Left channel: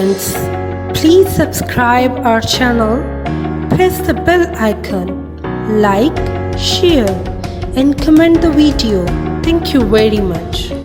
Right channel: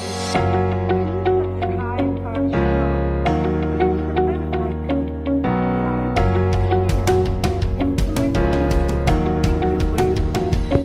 friends, please subscribe our channel, press the bell icon, like, share and comment the video. Thank you very much.